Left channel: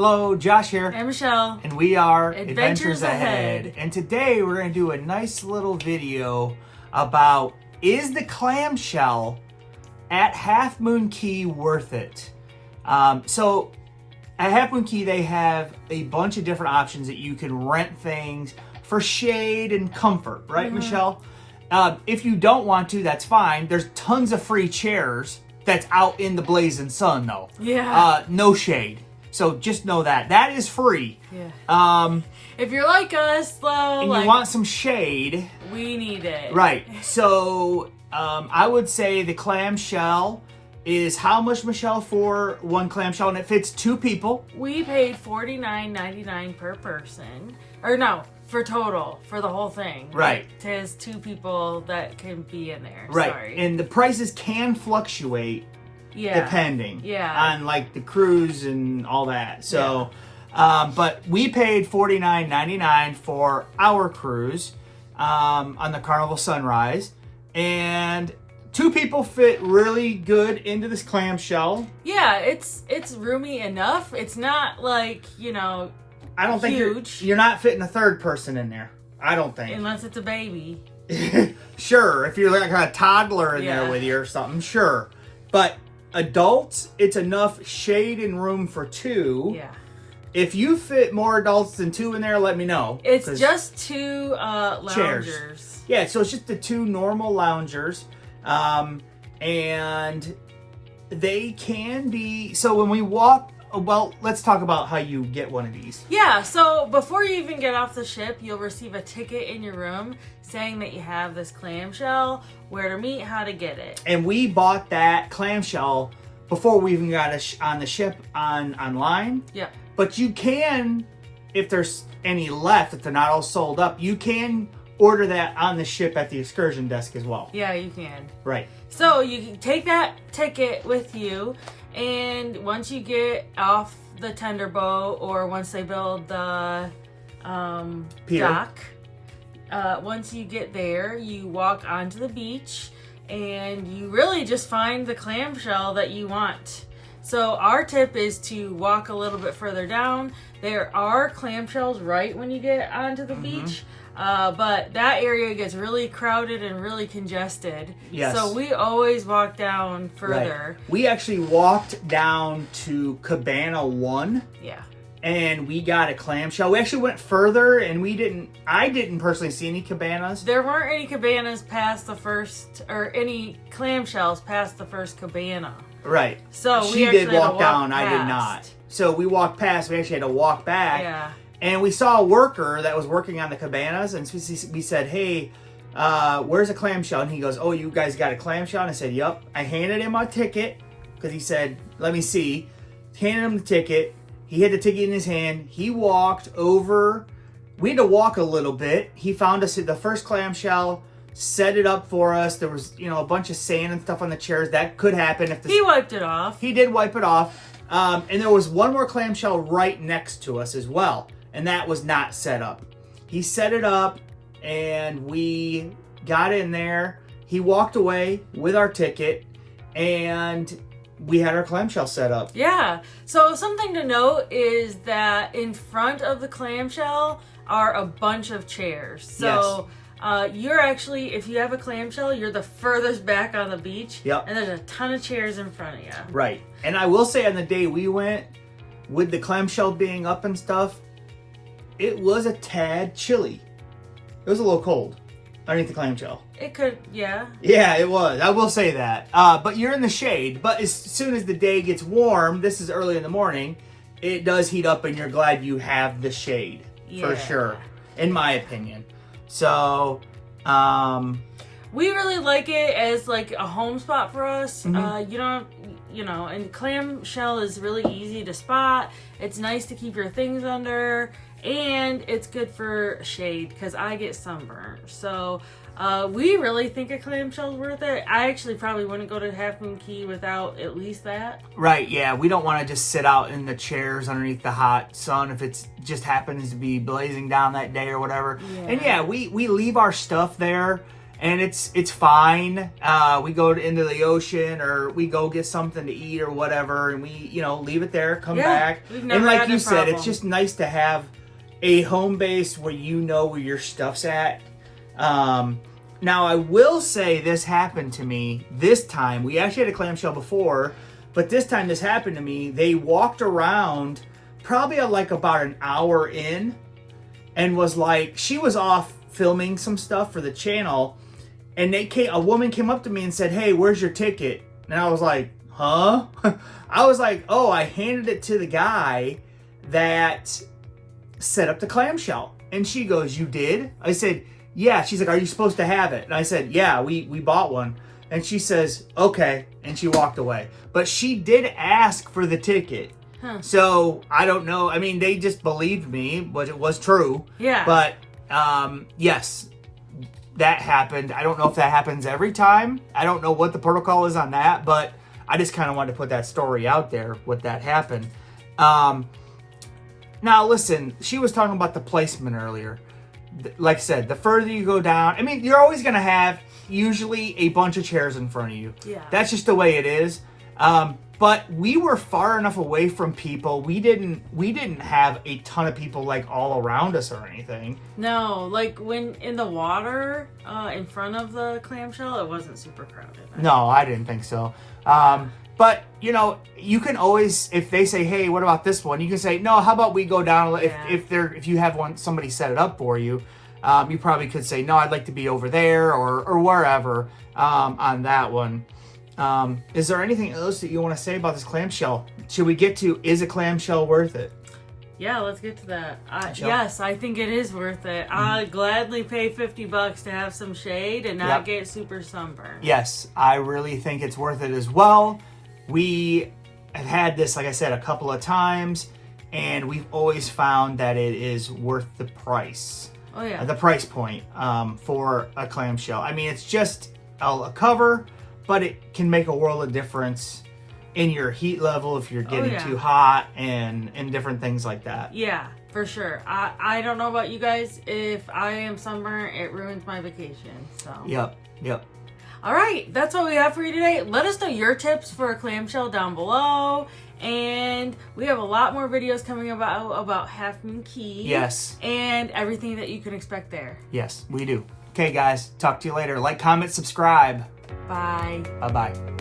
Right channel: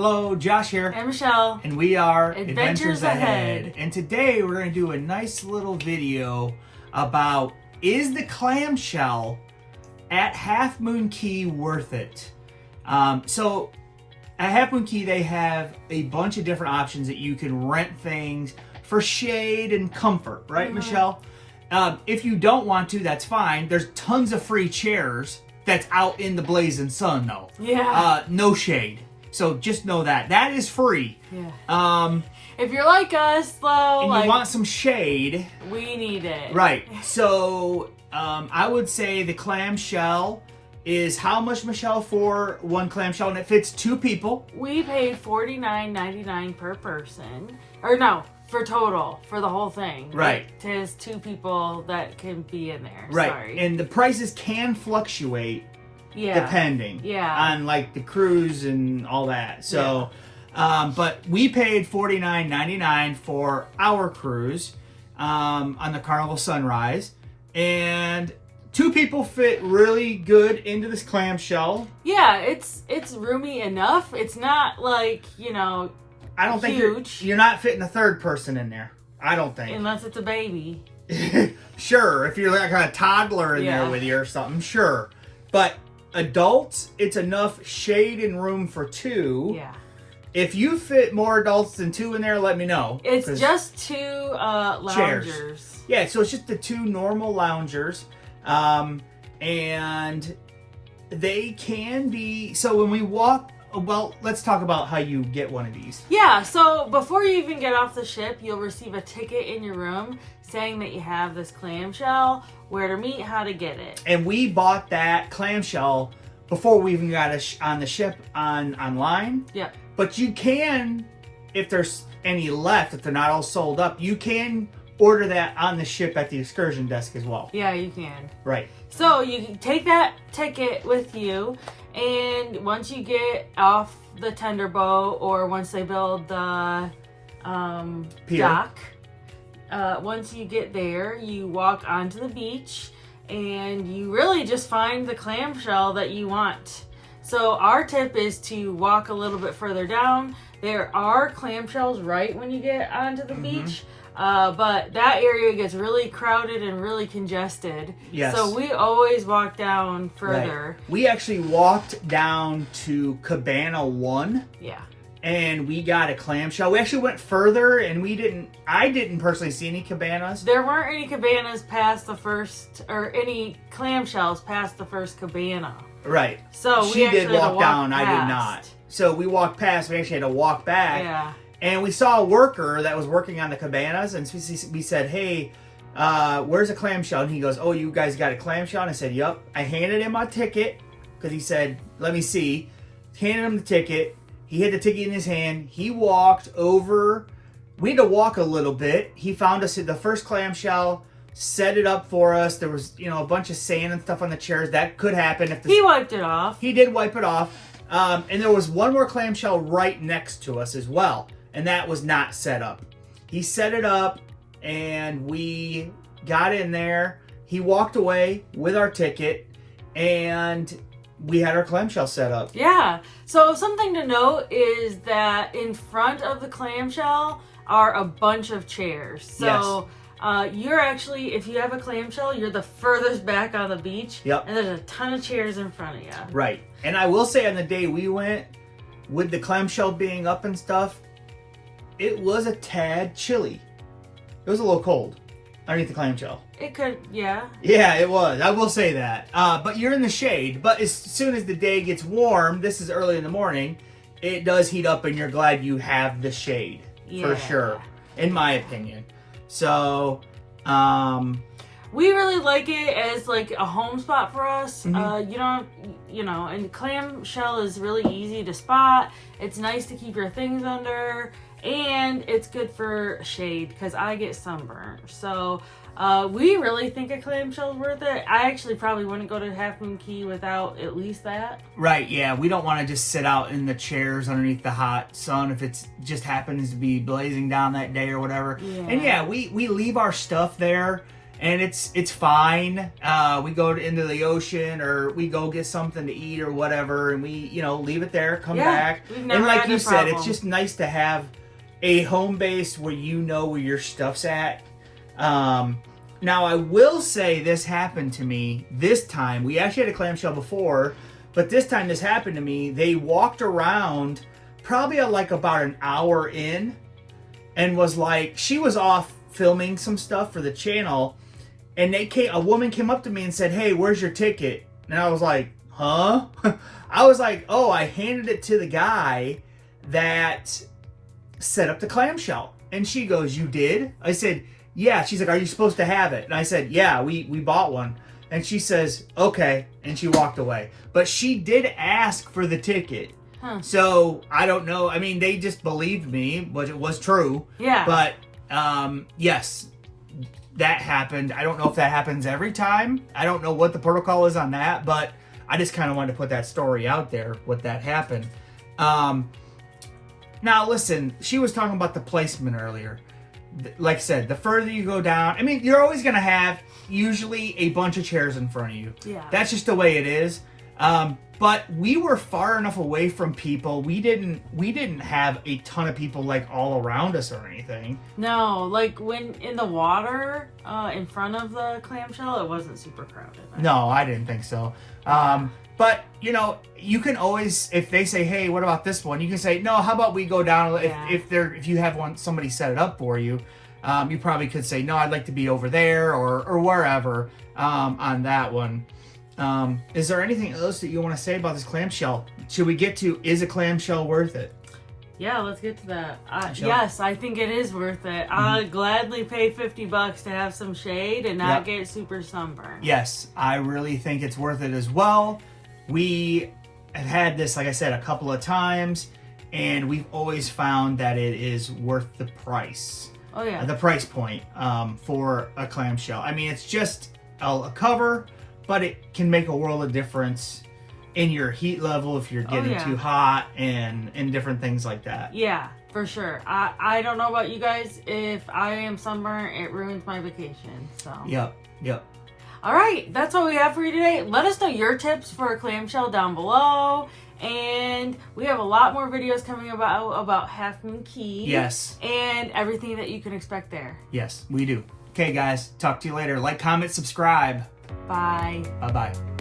Hello, Josh here. And Michelle. And we are Adventures Ahead. And today we're going to do a nice little video about, is the clamshell at Half Moon Cay worth it? So at Half Moon Cay they have a bunch of different options that you can rent things for shade and comfort, right, Michelle? If you don't want to, that's fine. There's tons of free chairs that's out in the blazing sun though. Yeah. No shade. So just know that. That is free. Yeah. If you're like us, though, and you want some shade, we need it. Right. So I would say the clamshell is how much, Michelle, for one clamshell? And it fits two people. We paid $49.99 per person. Or no, for total, for the whole thing. Right. It has two people that can be in there. Right. Sorry. And the prices can fluctuate. Yeah. Depending. Yeah. On like the cruise and all that. So, but we paid $49.99 for our cruise on the Carnival Sunrise, and two people fit really good into this clamshell. Yeah, it's roomy enough. It's not like, I don't huge. think you're not fitting a third person in there. I don't think. Unless it's a baby. Sure, if you're like a toddler in there with you or something, sure. But adults, it's enough shade and room for two. Yeah. If you fit more adults than two in there, let me know. It's just two loungers. Chairs. Yeah, so it's just the two normal loungers. And they can be, so when we walk, well, let's talk about how you get one of these. Yeah, so before you even get off the ship, you'll receive a ticket in your room saying that you have this clamshell, where to meet, how to get it. And we bought that clamshell before we even got on the ship online. Yep. But you can, if there's any left, if they're not all sold up, you can order that on the ship at the excursion desk as well. Yeah, you can. Right. So you can take that ticket with you, and once you get off the tender boat, or once they build the dock, once you get there, you walk onto the beach, and you really just find the clamshell that you want. So our tip is to walk a little bit further down. There are clamshells right when you get onto the beach, but that area gets really crowded and really congested. Yes. So we always walk down further. Right. We actually walked down to Cabana 1. Yeah. And we got a clamshell. We actually went further, and I didn't personally see any cabanas. There weren't any cabanas past the first, or any clamshells past the first cabana. Right. So she we actually did had to walk down, past. I did not. So we walked past, we actually had to walk back. Yeah. And we saw a worker that was working on the cabanas, and we said, hey, where's a clamshell? And he goes, oh, you guys got a clamshell? And I said, yep. I handed him my ticket, because he said, let me see. Handed him the ticket. He had the ticket in his hand. He walked over. We had to walk a little bit. He found us at the first clamshell, set it up for us. There was, a bunch of sand and stuff on the chairs. That could happen if he wiped it off. He did wipe it off. And there was one more clamshell right next to us as well, and that was not set up. He set it up, and we got in there. He walked away with our ticket, and we had our clamshell set up. Yeah. So something to note is that in front of the clamshell are a bunch of chairs. So you're actually, if you have a clamshell, you're the furthest back on the beach. Yep. And there's a ton of chairs in front of you. Right. And I will say, on the day we went, with the clamshell being up and stuff, it was a tad chilly. It was a little cold underneath the clamshell. It could, yeah. Yeah, it was. I will say that. But you're in the shade. But as soon as the day gets warm, this is early in the morning, it does heat up, and you're glad you have the shade. For sure. In my opinion. So, we really like it as like a home spot for us. And clamshell is really easy to spot. It's nice to keep your things under, and it's good for shade because I get sunburned. So we really think a clamshell is worth it. I actually probably wouldn't go to Half Moon Cay without at least that. Right, yeah. We don't want to just sit out in the chairs underneath the hot sun if it just happens to be blazing down that day or whatever. Yeah. And yeah, we leave our stuff there. and it's fine. We go into the ocean, or we go get something to eat or whatever, and we leave it there, come back. We've never and like had you a said, problem. it's just nice to have a home base where you know where your stuff's at. Now I will say this happened to me this time. We actually had a clamshell before, but this time this happened to me. They walked around probably like about an hour in, and was like, she was off filming some stuff for the channel, and a woman came up to me and said, "Hey, where's your ticket?" And I was like, "Huh?" I was like, "Oh, I handed it to the guy that set up the clamshell." And she goes, "You did?" I said, "Yeah." She's like, "Are you supposed to have it?" And I said, "Yeah, we bought one." And she says, "Okay," and she walked away. But she did ask for the ticket. Huh. So I don't know. I mean, they just believed me, but it was true. Yeah. But yes, that happened. I don't know if that happens every time. I don't know what the protocol is on that, but I just kind of wanted to put that story out there, what that happened. Now listen, she was talking about the placement earlier. Like I said, the further you go down, I mean, you're always going to have usually a bunch of chairs in front of you. Yeah. That's just the way it is. But we were far enough away from people. We didn't have a ton of people like all around us or anything. No, like when in the water in front of the clamshell, it wasn't super crowded. No, I didn't think so. But you can always, if they say, "Hey, what about this one?" You can say, "No, how about we go down?" Yeah. If you have somebody set it up for you, you probably could say, "No, I'd like to be over there or wherever on that one." Is there anything else that you want to say about this clamshell? Should we get to, is a clamshell worth it? Yeah, let's get to that. Yes, I think it is worth it. I'd gladly pay $50 to have some shade and not get super sunburned. Yes, I really think it's worth it as well. We have had this, like I said, a couple of times, and we've always found that it is worth the price. Oh, yeah. The price point for a clamshell. I mean, it's just a cover, but it can make a world of difference in your heat level if you're getting too hot and different things like that. Yeah, for sure. I don't know about you guys. If I am sunburned, it ruins my vacation. So. Yep. All right, that's all we have for you today. Let us know your tips for a clamshell down below. And we have a lot more videos coming about Half Moon Key. Yes. And everything that you can expect there. Yes, we do. Okay, guys. Talk to you later. Like, comment, subscribe. Bye. Bye-bye.